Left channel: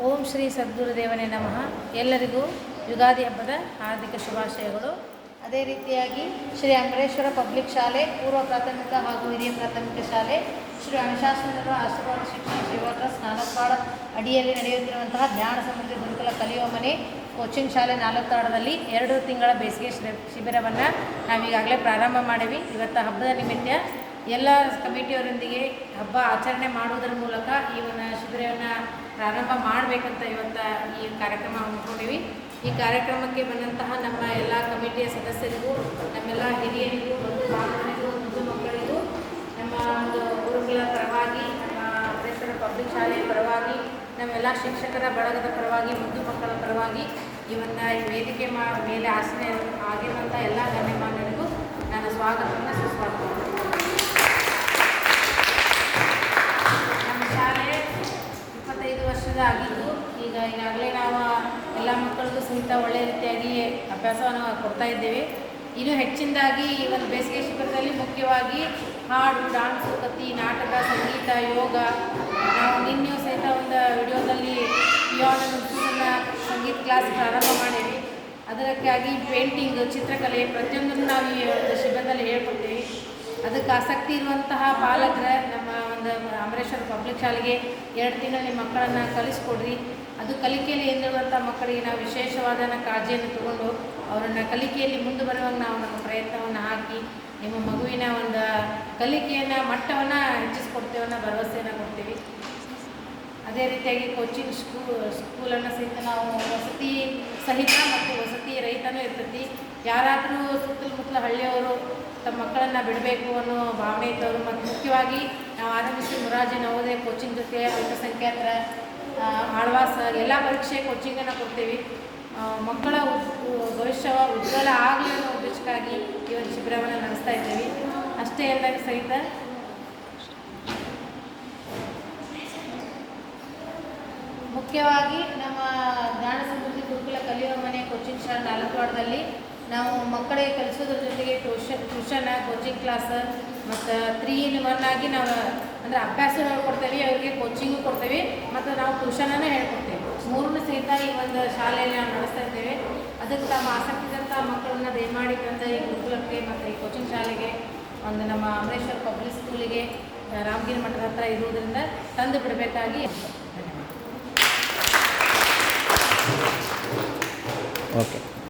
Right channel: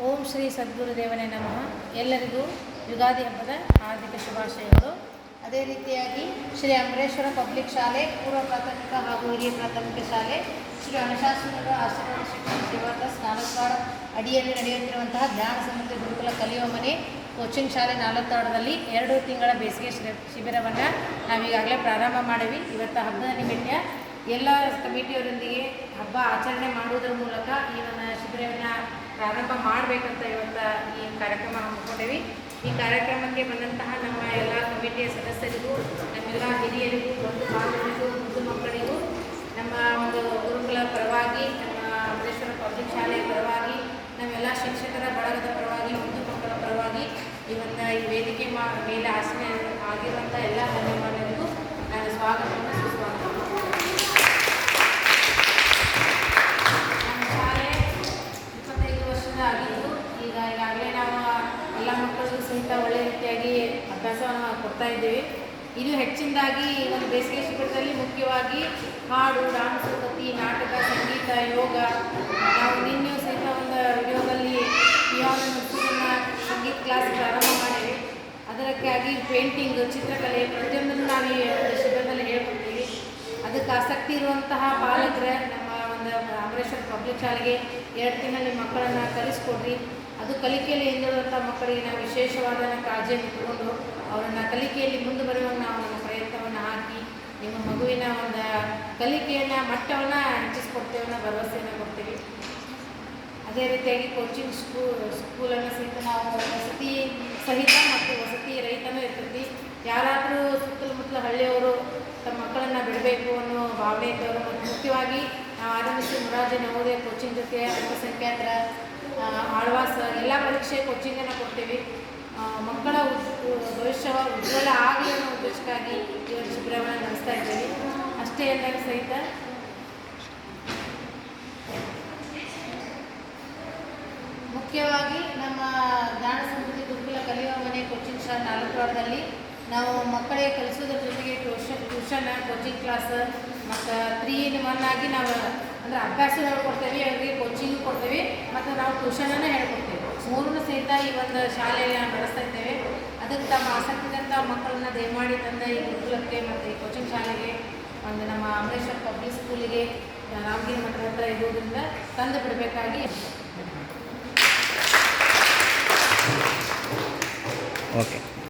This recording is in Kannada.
ಓಂ ಶ್ರೀ ಸದ್ಗುರುದೇವನೇ ನಮಃ. ಎಲ್ಲರಿಗೂ ಯುಗಾದಿ ಹಬ್ಬದ ಹಾರ್ದಿಕ ಶುಭಾಶಯಗಳು. ಅದೇ ರೀತಿಯಾಗಿ ಶ್ರೀ ಅಮರೇಶ್ವರ ಪಬ್ಲಿಕ್ ಶಾಲೆ, ಪೂರ್ವ ಪ್ರಾಥಮಿಕ ಹಾಗೂ ಹಿರಿಯ ಪ್ರಾಥಮಿಕ ಶಾಲೆ, ಶ್ರೀ ಅನುಶಾಸನಗಳ ಆಶೀರ್ವಾದ ಶಿಕ್ಷಣ ಸೇವಾ ಟ್ರಸ್ಟ್ ನಾಲ್ಕಾಡ ಅಡಿಯಲ್ಲಿ ನಡೆಯುತ್ತಿರುವಂತಹ ಜ್ಞಾನ ಸಮೃದ್ಧಿ ಗುರುಕುಲ ಕಲಿಯುವ ಮನೆ ಕೋಚಿಂಗ್ ಶಾಲೆ ನಾಲ್ಕಾಡದಲ್ಲಿ ಎರಡು ತಿಂಗಳ ಬೇಸಿಗೆ ಶಿಬಿ- ಶಿಬಿರವನ್ನು ನಾವೀಗಾಗಲೇ ಪ್ರಾರಂಭ ಮಾಡಿವಿ. ಇವತ್ತು ಹಬ್ಬದ ನಿಮಿತ್ತ ಎಲ್ಲ ಕಮಿಟಿಯವರೊಂದಿಗೆ ಹಬ್ಬ ಆಚರಣೆ ಮಾಡುವುದರ ಮೂಲಕ ಈ ಒಂದು ಶಿಬಿರವನ್ನು ಪ್ರಾರಂಭ ಮಾಡಬೇಕಂತ ಇವತ್ತು ಈ ಕಾರ್ಯಕ್ರಮ ಹಮ್ಮಿಕೊಂಡಿವಿ. ಈ ಕಾರ್ಯಕ್ರಮಕ್ಕೆ ಬಂದಂತಹ ನಮ್ಮ ಎಲ್ಲ ಕಮಿಟಿಯ ಸದಸ್ಯರಿಗೂ, ನಮ್ಮೆಲ್ಲ ಹಿರಿಯರಿಗೂ ಬಂಧು ಬಾಂಧವರಿಗೂ, ಮುದ್ದು ಮಕ್ಕಳಿಗೂ, ನಮ್ಮ ಒಂದು ಗುರುಗಳ ಪರವಾಗಿ, ನಮ್ಮ ಅಂಬೇಶ್ವರ ಪಬ್ಲಿಕ್ ಶಾಲೆಯ ಪರವಾಗಿ, ನಮ್ಮೆಲ್ಲ ಶಿಕ್ಷಕರ ಬಳಗದ ಪರವಾಗಿ, ಮುದ್ದು ಮಕ್ಕಳ ಪರವಾಗಿ ಈ ಒಂದು ಈ ವೇದಿಕೆ ಮೇಲೆ ಆಸನ ಆಗಿರುವಂಥ ಎಲ್ಲ ಗಣ್ಯಮಾನ್ಯರಿಗೂ ನಾನು ಸ್ವಾಗತವನ್ನು ಸುಸ್ವಾಗತ ವರ್ಷದ ಆಗಿದ್ದು, ಈಗ ಈಗಾಗಲೇ ನಾವು ಎಲ್ಲ ಮಕ್ಕಳಿಗೂ ಸಹಿತ ಒಳ್ಳೆಯ ರೀತಿಯಾಗಿ ಅಭ್ಯಾಸವನ್ನು ಕೊಡ್ತಾ ಇದ್ದೇವೆ. ಇನ್ನು ಹೆಚ್ಚಿನದಾಗಿ ಒಂದು ಬೇಸಿಗೆ ಶಿಬಿರದಲ್ಲಿ ಮುಖ್ಯವಾಗಿ ಹಾಡು, ಡಾನ್ಸ್ ಕತಿ ನಾಟಕ, ಸಂಗೀತ, ಯೋಗ, ನಾವು ನಿನ್ನೆಯೂ ಸಹಿತ ಒಂದು ವಿಡಿಯೋದಲ್ಲಿ ಪಿಯಾನ ಸಂಗೀತ ಕ್ಲಾಸ್ ಪ್ರಾರಂಭ ಮಾಡಿದ್ವಿ. ಅದಕ್ಕಾಗಿ ಪೇಂಟಿಂಗ್, ಚಿತ್ರಕಲೆ ಪ್ರತಿಯೊಂದನ್ನು ನಾವು ಈ ಶಿಬಿರದಲ್ಲಿ ಹೇಳ್ಕೊಡ್ತೀವಿ. ಅದಕ್ಕೆ ಆಸಕ್ತಿ ಇರುವಂತಹ ಪಾಲಕರ ನಮ್ಮ ಒಂದು ಅಮರೇಶ್ವರ ಪಬ್ಲಿಕ್ ಶಾಲೆಗೆ ಎರಡು ದಿನದಲ್ಲಿ ಮಕ್ಕಳನ್ನು ಕಲಿಸ್ಕೊಡ್ರಿ. ಅದು ಕಲಿಕೆಯಲ್ಲಿ ಏನಿರುವಂಥ ಮಕ್ಕಳಿಗೆ ನಾವು ವಿಶೇಷವಾದ ಕಾಳಜಿಯನ್ನು ತಗೊಂಡು ಅವರನ್ನು ಕಲಿಕೆಯಲ್ಲಿ ಮುಂದೆ ಬರುವಂಗೆ ನಾವು ನಮ್ಮ ಪ್ರಯತ್ನವನ್ನು ಹಾಕಿ ನಿಮ್ಮ ಮಗುವಿನ ಒಂದು ಕಲಿಕೆಯನ್ನು, ಮಟ್ಟವನ್ನು ಹೆಚ್ಚಿಸ್ಕೊಡ್ತೇವೆ ಅನ್ನೋ ಭರವಸೆಯನ್ನು ಕೊಡ್ತೀವಿ. ಅದೇ ರೀತಿಯಾಗಿ ಕೋಚಿಂಗ್ ಸ್ಕೂ ಸ್ಕೂಲನ್ನು ಸಹಿತ ನಾವು ವಸತಿ ಸಹಿತ ಮತ್ತು ವಸತಿ ರೈತನೂ ಇರ್ತೈತಿ. ಯಾರಾದರೂ ಸುತ್ತಮುತ್ತಲ ಹಳ್ಳಿಯವರು ತಮ್ಮ ಮಕ್ಕಳನ್ನು ಬಿಡಬೇಕು ಅನ್ನೋ ಭಾವನೆ ಇದ್ದವರು, ಮತ್ತು ಮುಖ್ಯವಾಗಿ ನಾವು ಆರಂಭಿಸಿ ಮುರಾಜಿ ನವೋದಯ ಕೋಚಿಂಗ್ ಜೊತೆ ಅಲ್ಪಸಂಖ್ಯಾತರ ಆಳ್ವಾಸ ಎಲ್ಲ ಪರೀಕ್ಷೆ ಕೋಚಿಂಗನ್ನು ಕೊಡ್ತೀವಿ. ಮಕ್ಕಳ ಭವಿಷ್ಯ ಉಜ್ವಲ ಆಗಲಿ ಅನ್ನೋ ಉದ್ದೇಶಕ್ಕಾಗಿ ಈ ಒಂದು ಶಿಬಿರವನ್ನು ನಡೆಸ್ತಾ ಇದ್ದೀವಿ. ಅಷ್ಟೇ ಅಲ್ಲದೆ ಸಹಿತ. ಮುಖ್ಯವಾಗಿ ನಮ್ಮ ಜ್ಞಾನ ಸಮೃದ್ಧಿ ಗುರುಕುಲ ಕಲಿಯುವ ಮನೆ ಕೋಚಿಂಗ್ ಶಾಲೆ ನಾಲ್ಕವಾರದಲ್ಲಿ ನಾವು ಮಕ್ಕಳಿಗೆ ಕಲಿಸೋದ್ರ ಜೊತೆಗೆ ಟ್ಯೂಷನ್ ಟ್ಯೂಷನ್ ಕೋಚಿಂಗ್ ಕ್ಲಾಸ್ ಮತ್ತು ತ್ರೀ ಇನ್ ಒನ್ ಆಗಿ ನಾವು, ಅಂದರೆ ಅಭ್ಯಾಸ ಹೇಳ್ಕೊಡ್ತೇವೆ ಅವರಿಗೆ ಕೋಚಿಂಗ್ ಕೊಡ್ತೇವೆ, ಮತ್ತು ನಾವು ಟ್ಯೂಷನನ್ನ ಹೇಳ್ಕೊಡ್ತೇವೆ. ಮೂರನ್ನು ಸಹಿತ ಈ ಒಂದು ಶಾಲೆಯಲ್ಲಿ ನಾವು ನಡೆಸ್ತಾ ಇದ್ದೇವೆ. ಅದಕ್ಕೆ ತಮ್ಮ ಆಸಕ್ತಿದಂಥ ಮಕ್ಕಳನ್ನ ದಯಮಾಡಿ ತಂದೆ ಈ ಗುರುಕುಲಕ್ಕೆ ಮತ್ತು ಈ ಕೋಚಿಂಗ್ ಶಾಲೆಗೆ, ಒಂದು ನಮ್ಮ ಅಮರೇಶ್ವರ ಪಬ್ಲಿಕ್ ಸ್ಕೂಲಿಗೆ ರಾಮಗಿರಿ ಮಠದ ಹತ್ರ ಇರುವುದರಿಂದ ತಂದು ಬಿಡಬೇಕಾಗಿ ಓಕೆ